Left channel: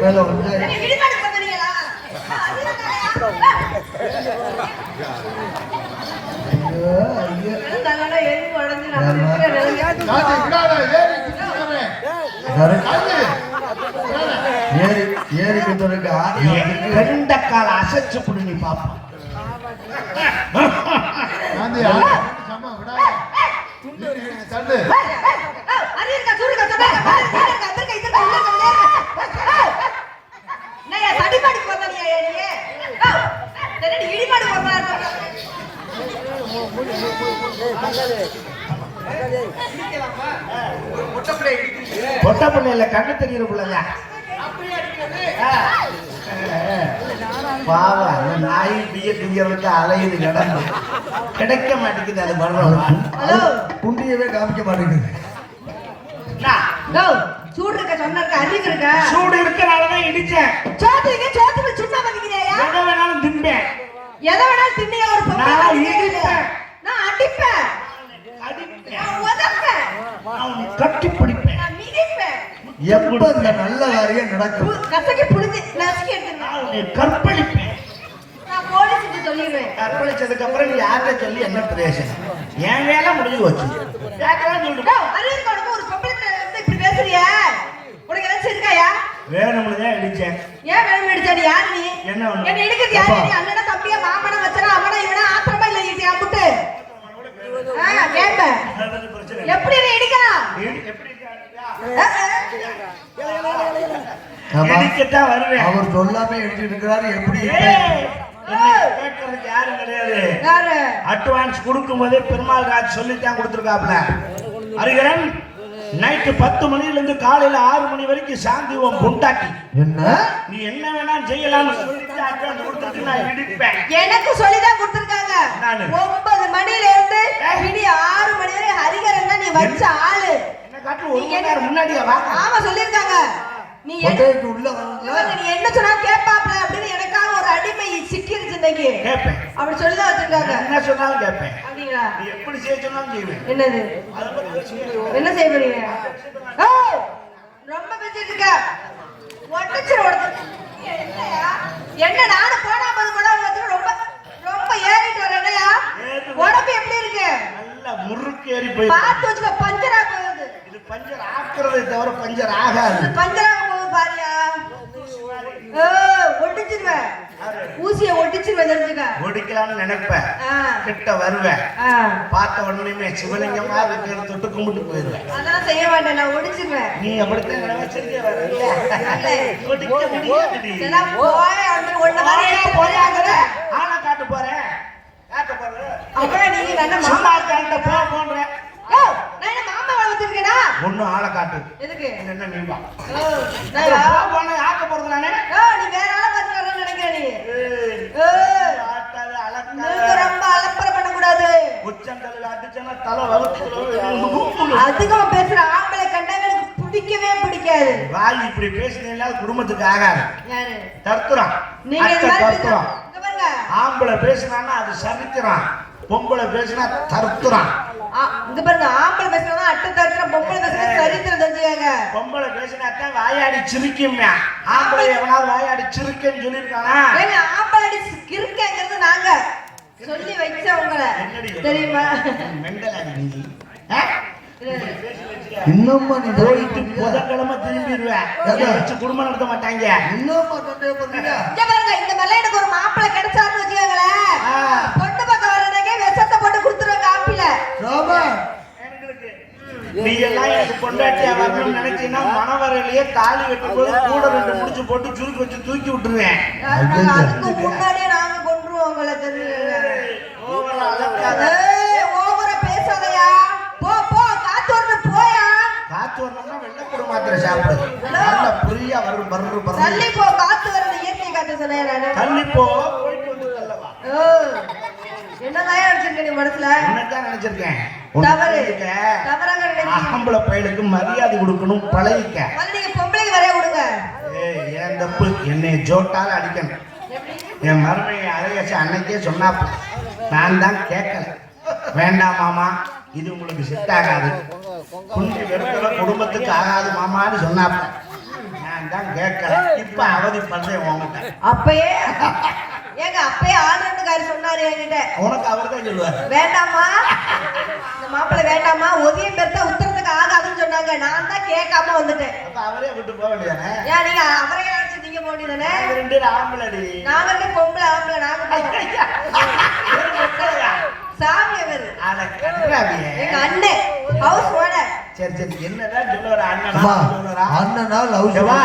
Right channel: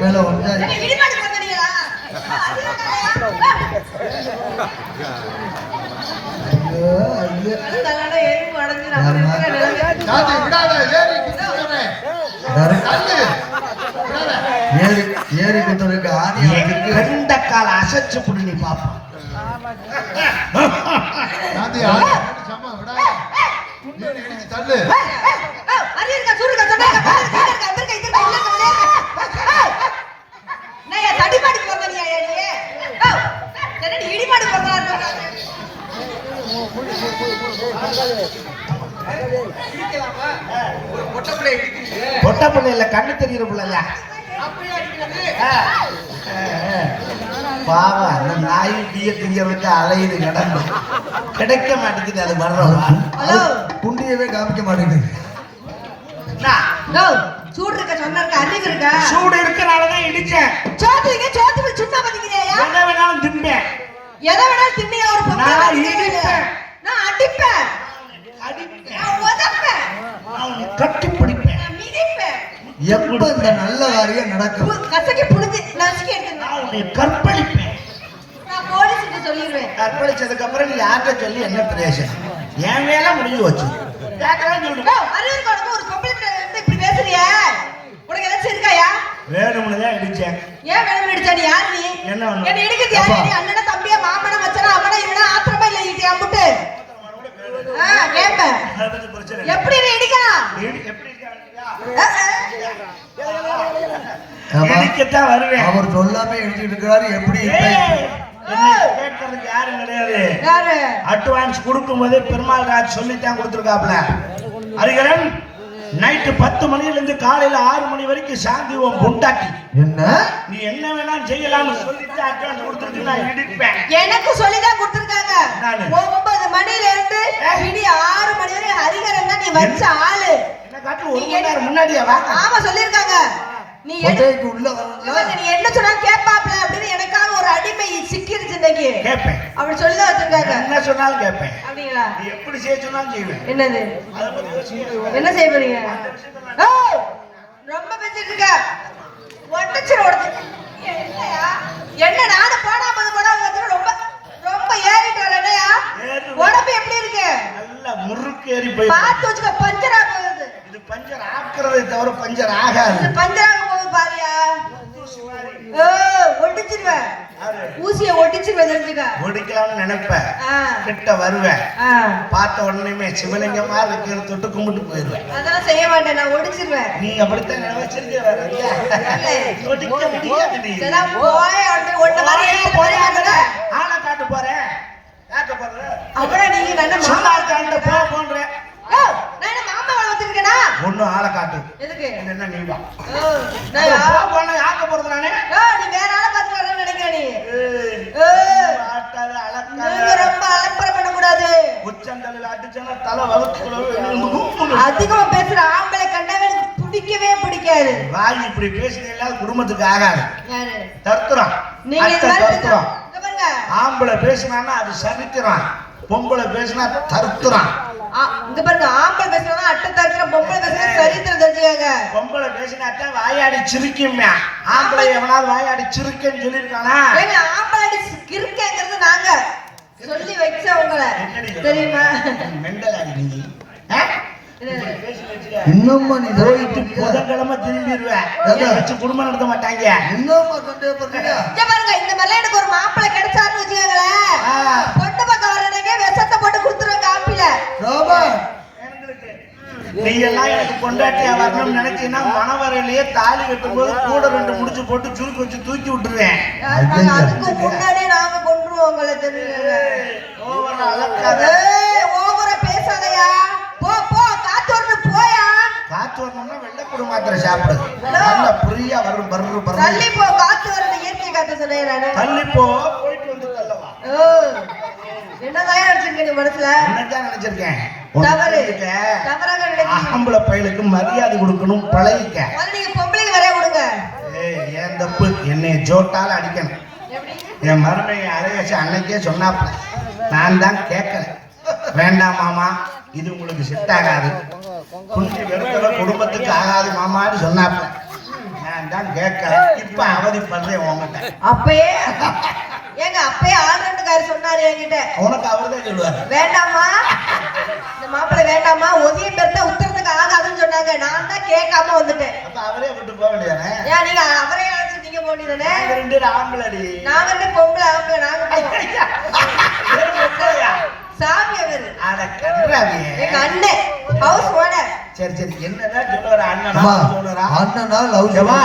மேல வந்து இடிமாடு பண்ணீங்களா ஏறி குத்துறதுக்கு ரெண்ட கால அசைச்சு புடி நீ பாப்பா தள்ளு தடிமாடி போறீங்க இடிமாடு போறாரு பொட்ட பிள்ளை இல்ல கண்ணு தெரிகிற பிள்ளைங்க பாவம் அந்த நாய் பிய திரியவருக்கு அலையுது கிடந்து கிடைக்க மாட்டேங்குது அது வர்றோம் குண்டியவே காமிக்க மாட்டேங்குது சூடு இருக்க சொன்ன அறிவு இருக்க சூடு இருக்கனாலதான் இடிச்சேன் சோத்து சுண்ணா பண்ணிக்கிறியா எதை வேணாலும் தின்பேன் எதை வேணாலும் தின்னியா ஒரு பொண்ணு நான் இடிப்பேன் நான் அடிப்பேன் நான் உதப்பேன் கட்டி பிடிப்பேன் நான் மிதிப்பேன் எப்ப இந்த நல்ல காரியம் நடக்கும் கசக்கி புளிஞ்சு நசுக்கி எடுத்துறேன் கற்பழிப்பேன் நான் போலீஸ்க்கு சொல்லிடுவேன் கற்பழிச்சதுக்கு அப்புறம் நீ யார்கிட்ட சொல்லி என்ன பிரயோஜனம் என் மேல முடிஞ்சு வச்சு அறிவு உனக்கு ஒரு பொம்பளை இப்படி பேசுறிய உனக்கு ஏதாச்சும் இருக்காயா வேணும்னு தான் இடிச்சேன் ஏன் வேணும் இடிச்சா நீ யார் நீ என்ன இடிக்கிறது யாரு நீ அண்ணனா தம்பியா மாமனா மச்சனா அவனா இவனா ஆத்திரமா இல்ல இடியா முட்டு கேப்பேன் எப்படி நீ இடிக்கலாம் இடிக்கத்தான் வருவேன் அவர் சொல்லாம இடிச்சிட்டு இருக்கிறாரு எப்படி கேட்கறதுக்கு யாரும் கிடையாது அட்வான்ஸ் கொடுக்கும் போதே பெருமாள் ராஜ் சொல்லித்தான் கொடுத்துருக்காப்ல ஹரிகரன் நைட்டு 10 மணில இருந்து காலையில 6 மணி வரைக்கும் சாந்தி உன் பொண்டாட்டி என்ன நீ என்ன வேணாலும் செய்யலாம்னு சொல்லிட்டு அட்வான்ஸ் கொடுத்துட்டு நான் இடிப்பேன் எனக்கு சொல்லிதான் கொடுத்துருக்காங்க 9 மணில இருந்து விடிய 6 மணி வரை ஹரிகரன் தான் நீ வச்ச ஆளு என்ன காட்டு ஒரு மணி நேரம் முன்னாடியே வா ஆமா சொல்லிருக்காங்க நீ உள்ள நீ என்ன சொன்னா கேட்பாப்ல அப்படின்னு எனக்காக ஒரு அடிமை சிக்கிருச்சு இன்னைக்கு கேட்பேன் அப்படி சொல்லிதான் வச்சிருக்காங்க என்ன சொன்னாலும் கேட்பேன் அப்படிங்களா நீ எப்படி செய்ய சொன்னாலும் செய்வேன் என்னது அத பத்தி யோசிக்க என்ன செய்ய போறீங்க ரொம்ப பேசிட்டு இருக்க ஒட்டச்சு என்னையா என்ன நானு போனா வந்து ரொம்ப ரொம்ப ஏறிட்டு வரலையா உடம்பு எப்படி இருக்கு நல்ல முறுக்கு ஏறி போய் பார்த்து வச்சுக்க பஞ்சரா போகுது இது பஞ்சர் ஆக்குறதை தவிர பஞ்சர் ஆகாது பஞ்சரா போகுது பாரியா ஒட்டிச்சிருவேன் ஊசிய ஒட்டிச்சிருவேன் தெரிஞ்சுக்க ஒடிக்கலாம்னு நினைப்பேன் கிட்ட வருவேன் பார்த்த உடனே சிவலிங்கமா இருக்கிற தொட்டு கும்பிட்டு போயிடுவேன் அதெல்லாம் செய்ய மாட்டேன் நான் ஒடிச்சிருவேன் நீ அப்படித்தான் நினைச்சிருக்கே ஒடிக்க முடியாது ஆனா காட்டு போறேன் காட்ட போறேன் அப்புறம் நீங்க நல்ல சும்மா காட்ட போன்றேன் ஒன்னும் ஆளை காட்டு எதுக்கு என்ன நீ வா ஆக்க போறது நானே நீ வேற ஆளை பார்த்து வரணும்னு நினைக்கிறேன் நீ ரொம்ப அலப்பறை பண்ணக்கூடாது உச்சந்தலையில அடிச்சா தலை வகுத்து அதிகமா பேசுற ஆம்பளை கண்டா எனக்கு பிடிக்கவே பிடிக்காது வாய் இப்படி பேசுறீங்களா குடும்பத்துக்கு ஆகாது யாரு தர்த்துறான் நீங்க ஆம்பளை பேசினான்னா அது சரித்திரம் பொம்பளை பேசினா தர்த்துறான் இங்க பாருங்க ஆம்பளை பேசுறதா அட்டை தரத்துல பொம்பளை பேசுறது சரித்திரம் தெரிஞ்சுக்காங்க பொம்பளை பேசினாத்தான் வாயாடி சிரிக்குமே ஆம்பளை எவனாவது வாயாடி சிரிக்கன்னு சொல்லியிருக்கானா ஏங்க ஆம்பளை கிறுக்கங்கிறது நாங்க சொல்லி வச்ச உங்களை தெரியுமா மெண்டலாடி நீ இன்னும் நீ போயிட்டு புதன்கிழமை திரும்பிடுவேன் வச்சு குடும்பம் நடத்த மாட்டாங்க இன்னும் பாருங்க இந்த மாதிரி எனக்கு ஒரு மாப்பிள்ளை கிடைச்சாருன்னு வச்சுக்கோங்களேன் பொண்ணு பக்கம் வர்றதுக்கே விஷத்தை போட்டு கொடுத்துருவாங்க ஆப்பில நீ எல்லாம் எனக்கு கொண்டாட்டியா வரணும்னு நினைச்சீங்கன்னா மணவரையிலேயே தாலி கட்டும் போது கூட 2 முடிச்சு போட்டு சுருக்கி வச்சு தூக்கி விட்டுருவேன் அதுக்கு முன்னாடியே நாங்க கொண்டுருவோம் உங்களை தெரியல ஓவரா பேசாதயா போ போ காத்து வரணும் போயா காத்து வரணும்னா வெள்ளப்பூடு மாத்திரை சாப்பிடு நல்ல பிரியா வரும் பர்ரு தள்ளி போ காத்து வரணும் இயற்கை காத்து சொன்னேன் தள்ளி போ போயிட்டு வந்து தள்ளவா என்னதான் நினைச்சிருக்கேன் நீ மனசுல என்னதான் நினைச்சிருக்கேன் ஆம்பளை பையலுக்கு மரியாதை கொடுக்கணும் பழகிக்க நீங்க பொம்பளைக்கு வரைய விடுங்க ஏன் தப்பு என்னை ஜோட்டால அடிக்கணும் என் மருமையை அழகச்சு அன்னைக்கே சொன்னாப்ப நான் தான் கேட்கல வேண்டாம் மாமா இது உங்களுக்கு செட் ஆகாது குஞ்சு வெறுத்தல குடும்பத்துக்கு ஆகாது மாமான்னு சொன்னாப்ப நான் நான் தான் கேட்கறேன். இப்ப அவதிப்படுறேன் உங்ககிட்ட. அப்பயே ஏங்க அப்பயே ஆல்ரெண்டுக்காரர் சொன்னாரு என்கிட்ட. உனக்கு அவர்தான் சொல்லுவாரு. வேண்டாமா இந்த மாப்பிள்ளை வேண்டாமா, உதய பெருத்தா உத்தரத்துக்கு ஆகாதுன்னு சொன்னாங்க. நான் தான் கேட்காம வந்துட்டேன். அப்ப அவரே விட்டு போக வேண்டியதானே? ஏன் நீங்க அவரே அழைச்சு நீங்க போனீதானே? நாங்க ரெண்டு பேரும் ஆம்பளடி. நாங்க ரெண்டு பொம்பளை ஆம்பளை. நாங்க சாமி அவரு அத கன்றாவியே. எங்க அண்ணன் ஹவுஸ் ஓனர். சரி சரி என்னதான் சொல்லுவாரு அண்ணனா அம்மா, சொல்லுறா? அண்ணனா லவ் ஏவா,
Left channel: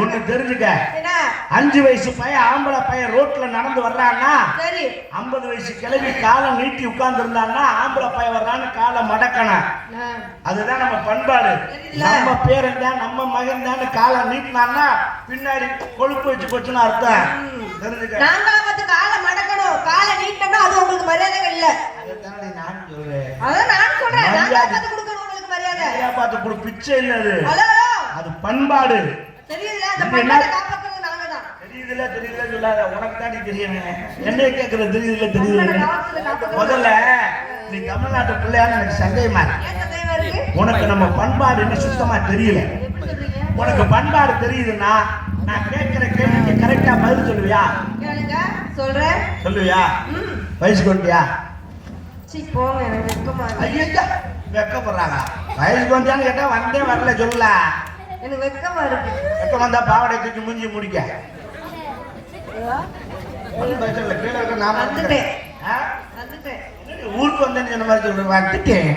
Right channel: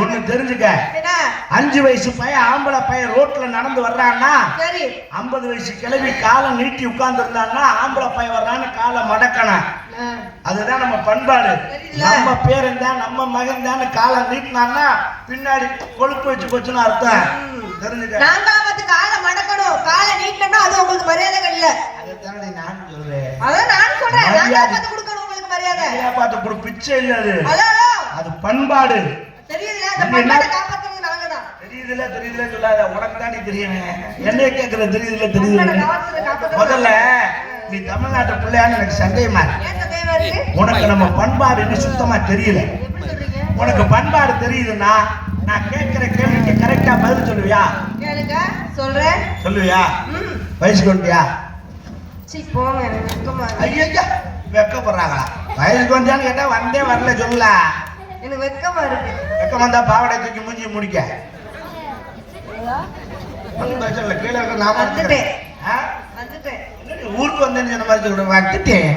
ஒண்ணு தெரிஞ்சுக்க. என்ன 5 வயசு பையன் ஆம்பளை பையன் ரோட்ல நடந்து வர்றான்னா சரி 50 வயசு கிழவி காலை நீட்டி உட்கார்ந்து இருந்தான்னா ஆம்பளை பையன் வர்றான்னு காலை மடக்கணும். அதுதான் நம்ம பண்பாடு. நம்ம பேரன் தான் நம்ம மகன் தான் காலை நீட்டினான்னா பின்னாடி கொழுப்பு வச்சு போச்சுன்னு அர்த்தம். தெரிஞ்சுக்க. நாங்களா பார்த்து காலை மடக்கணும். காலை நீட்டோம்னா அது உங்களுக்கு மரியாதை இல்ல. அதைத்தானே நான் சொல்றேன். அதான் நான் சொல்றேன். நாங்களா மரியாதை. பார்த்து கொடுக்கணும் உங்களுக்கு மரியாதை. ஐயா பார்த்து கொடு, பிச்சை இல்ல அது. ஹலோ அது பண்பாடு. தெரியுதுல அந்த இங்க என்ன? பண்பாட்டை காப்பாத்துறது நாங்க தான். தெரியுதுல சொல்லாத. உனக்கு தாண்டி தெரியுமே. என்னைய கேட்கற தெரியுதுல. முதல்ல நீ தமிழ்நாட்டு பிள்ளையான்னு எனக்கு சந்தேகமா இருக்கு. ஏன் சந்தேகமா இருக்கு? உனக்கு நம்ம பண்பாடு இன்னும் சுத்தமா தெரியல. எப்படி சொல்றீங்க? உனக்கு பண்பாடு தெரியுதுன்னா நான் கேட்கிற கேள்விக்கு கரெக்டா பதில் சொல்லுவியா? கேளுங்க சொல்றேன். சொல்லுவியா? ம் வயசுக்கு வந்துட்டியா? சீ போங்க எனக்கு வெக்கமா இருக்கு. ஐயா வெக்கப்படுறாங்களா? வயசுக்கு வந்தியான்னு கேட்டா வந்தே வரல சொல்லல. எனக்கு வெக்கமா இருக்கு. வெக்கம் வந்தா பாவடை தூக்கி மூஞ்சி முடிக்க. ஒண்ணும் பிரச்சனை இல்லை. கீழே இருக்க நாம வந்துட்டேன். ஆ? வந்துட்டேன். என்னடி ஊருக்கு வந்தேன்னு சொன்ன மாதிரி சொல்றேன். வந்துட்டேன்.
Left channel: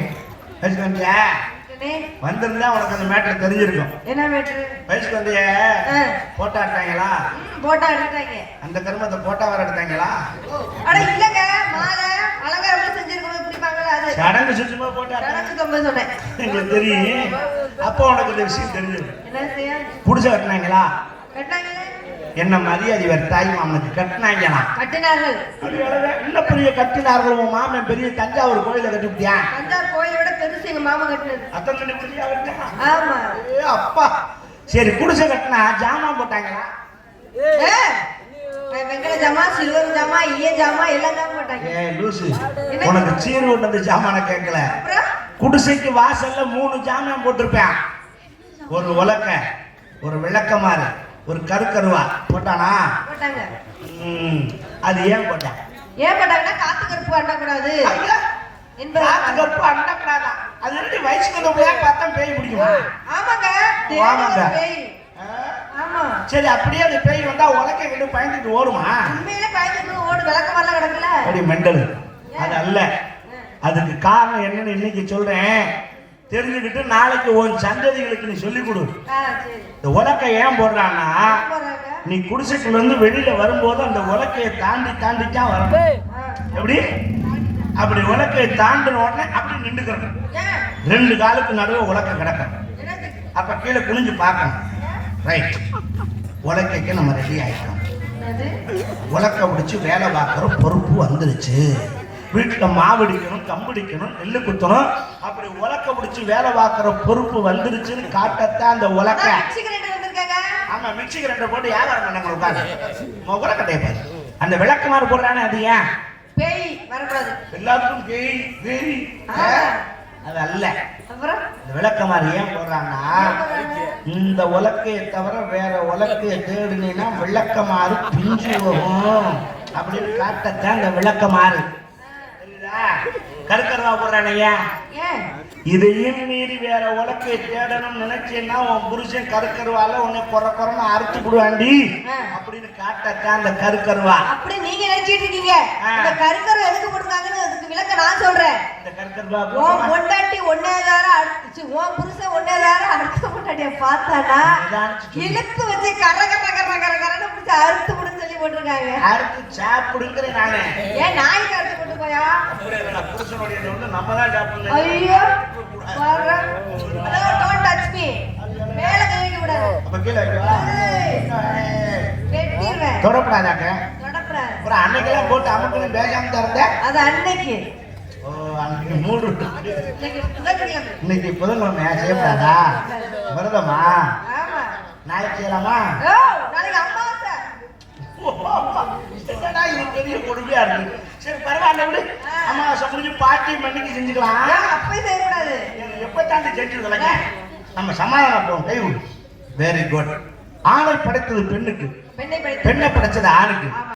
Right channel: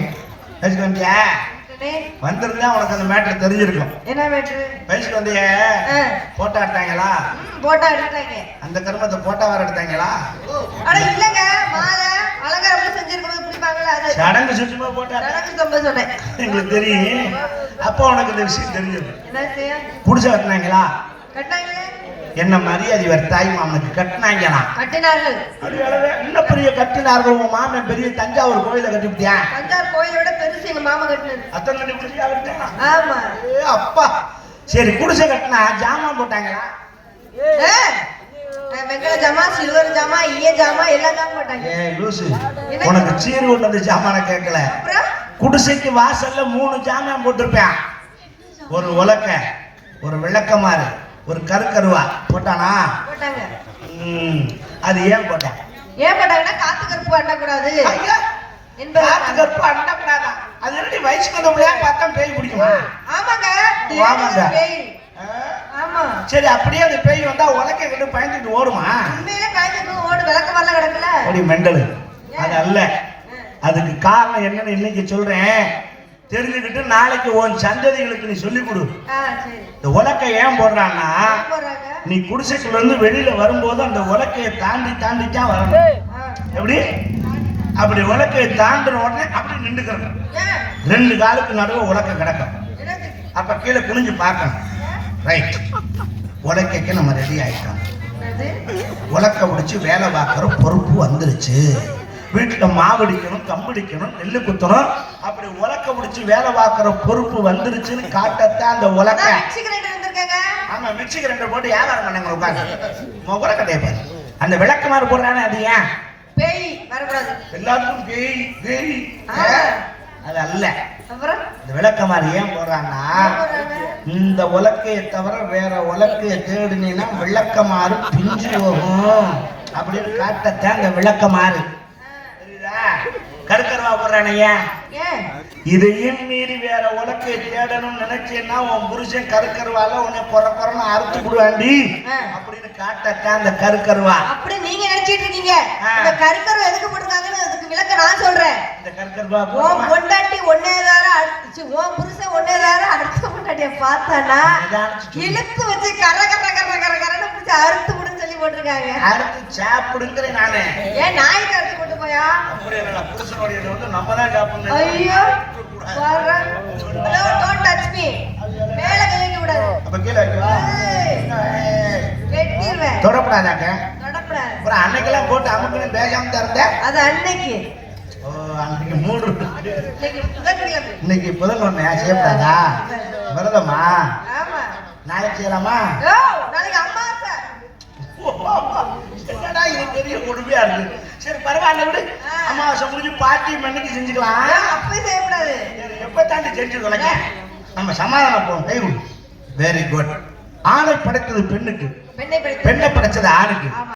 வயசுக்கு வந்தியா? வந்துட்டேனே. வந்திருந்தா உனக்கு அந்த மேட்டர் தெரிஞ்சிருக்கும். என்ன மேட்ரு? வயசுக்கு வந்திய ஆ. போட்டோ எடுத்தாங்களா? போட்டோ எடுத்துட்டாங்க. அந்த கருமத்தை போட்டோ வர எடுத்தாங்களா? அட இல்லங்க மாலை அலங்காரம் செஞ்சிருக்கிறது பிடிப்பாங்களா அது. சடங்கு சுத்தமா போட்டோ எனக்கு ரொம்ப சொன்னேன். எங்களுக்கு தெரியும். அப்போ உனக்கு இந்த விஷயம் தெரிஞ்சிருக்கும். என்ன செய்ய? புடிச்ச கட்டினாங்களா? கட்டாங்க. என்ன மரியாதை வேற தாய் மாமனுக்கு கட்டினாங்களா? கட்டினார்கள். இன்னும் பெரிய கட்டினார்கள். உன் மாமன் பெரிய தஞ்சாவூர் கோயில கட்டிவிட்டியா? தஞ்சாவூர் கோயிலோட பெருசு எங்க மாமா கட்டினது. அத்தனை பெரிய கட்டினா? ஆமா. ஏ அப்பா. சரி குடிசை கட்டினா ஜாமான் போட்டாங்களா? ஏ, வெங்கல ஜாமா சில்வர் ஜாமா ஈய ஜாமா எல்லாம் ஜாமா போட்டாங்க. ஏ லூசு, உனக்கு சீரூர்ல இருந்து ஜாமான கேட்கல. குடிசைக்கு வாசல்ல 3 ஜாமான் போட்டிருப்பேன். ஒரு உலக்க, ஒரு விளக்கமாறு, ஒரு கருக்கருவா போட்டானா? போட்டாங்க. அது ஏன் போட்டேன்? ஏன் போட்டாங்கன்னா காத்து கருப்பு அண்டக்கூடாது என்பது. காத்து கருப்பு அண்டக்கூடாதா? அது எப்படி வயசுக்கு வந்த பிள்ளையா பார்த்தா பேய் பிடிக்குமா? ஆமாங்க. ஆமாங்க. பேய். ஆமா. சரி அப்படியே அந்த பேய் வந்தா உலக்கை கிட்ட பயந்துட்டு ஓடுமா? உண்மையிலே பயந்துட்டு ஓடு விளக்க வரல கிடக்கல. அப்படி மெண்டல். அது அல்ல. அதுக்கு காரணம் என்னன்னு இன்னைக்கு சொல்றேன். தெரிஞ்சுக்கிட்டு நாளைக்கு உன் சந்ததிகளுக்கு நீ சொல்லி கொடு. சரி. இந்த உலக்கை ஏன் போடுறான்னா, போறாங்க. நீ குடிசைக்குள்ள இருந்து வெளியில வரும்போது அந்த உலக்கையை தாண்டித்தான் வரணும். எப்படி? அப்படி உலக்கையை தாண்டின உடனே அப்படி நின்றுக்கிறணும். ஏன்? 2 காலுக்கு நடுவே உலக்கை கிடக்கும். என்னது? அப்ப கீழே குனிஞ்சு பார்க்கணும். ரைட். உலக்கைக்கு நம்ம ரெடி ஆயிட்டோம். என்னது? உலக்கை பிடிச்சி வேலை பார்க்குற பொறுப்பு வந்துருச்சு. வீட்டில் மாவடிக்கணும், கம்பிடிக்கணும், நெல்லு குத்தணும். அப்படி உலக்க பிடிச்சி வேலை பார்க்குற பொறுப்பு வந்துருச்சுன்னு காட்டத்தான் அந்த உலக்கை. மிக்ஸி கிரைண்டர் வந்திருக்காங்க. ஆமா, மிக்ஸி கிரைண்டர் போட்டு வியாபாரம் பண்ணாங்க உட்காந்து. உலக்க டைப்பர் அந்த விளக்கமாறு போடுறானே அது ஏன்? பேய் வரக்கூடாது. எல்லாத்துக்கும் பேய் பேய். அது அல்ல. அப்புறம் இந்த விளக்கமாறு ஏன் போடுறான்னா, இந்த உலக்கையை தவிர வேற உலக்கையை தேடினீங்கன்னா விளக்கமாறு பிஞ்சு போகும் அப்படின்னு காட்டத்தான் இந்த விளக்கமாறு. கருக்கருவா போடுறானே ஏன்? இதையும் மீறி வேற உலக்கை தேடணும்னு நினைச்சேன்னா உன் புருஷன் கருக்கருவால உன்னை குறன்னு அறுத்து விடுவாண்டி அப்படின்னு காட்டத்தான் அந்த கருக்கருவா. அப்படி நீங்க நினைச்சிட்டு இருக்கீங்க. இந்த கருக்கருவா எதுக்கு போட்டுருக்காங்கன்னு அதுக்கு விளக்க நான் சொல்றேன். இந்த கருக்கருவா உன் பொண்டாட்டி ஒன்னேதார அடிச்சு உன் புருஷன் ஒன்னேதார அடுத்த பொண்டாட்டிய பார்த்தானா இழுத்து வச்சு கர கர கர கர கரன்னு பிடிச்சி அறுத்து விடுன்னு சொல்லி போட்டிருக்காங்க. அறுத்து சாப்பிடுங்கிறேன் நானு. ஏன் நாய்க்கு அறுத்து போட்டு போயா? புருஷனுடைய வந்து நம்ம தான் சாப்பிடணும். ஐயோ டோன்ட் டச் மீ. மேல கை வைக்க கூடாது. அப்ப கீழே வெட்டிடுவேன். தொடப்படாதாக்க. தொடப்படாது. அப்புறம் அன்னைக்கெல்லாம் போட்டு அமுக்கணும் பேசாம தரத. அது அன்னைக்கு. ஓ அன்னைக்கு 3. இன்னைக்கு புதன்கிழமை. இன்னைக்கு புதன்கிழமையா? செய்யப்படாதா? விரதமா? ஆமா. நாளைக்கு செய்யலாமா? ஓ நாளைக்கு அமாவாசை. என்னடா இது பெரிய கொடுமையா இருக்கு. சரி பரவாயில்ல விடு. அமாவாசை முடிஞ்சு பாட்டி மண்ணிக்கு செஞ்சுக்கலாம். அப்பயும் செய்யக்கூடாது. எப்ப தாண்டி செஞ்சு தொலைங்க. நம்ம சமாதானம் போவோம். Very good. ஆணை படைத்தது பெண்ணுக்கு, பெண்ணை படைத்து பெண்ணை படைச்சது ஆணுக்கு. ஆமா.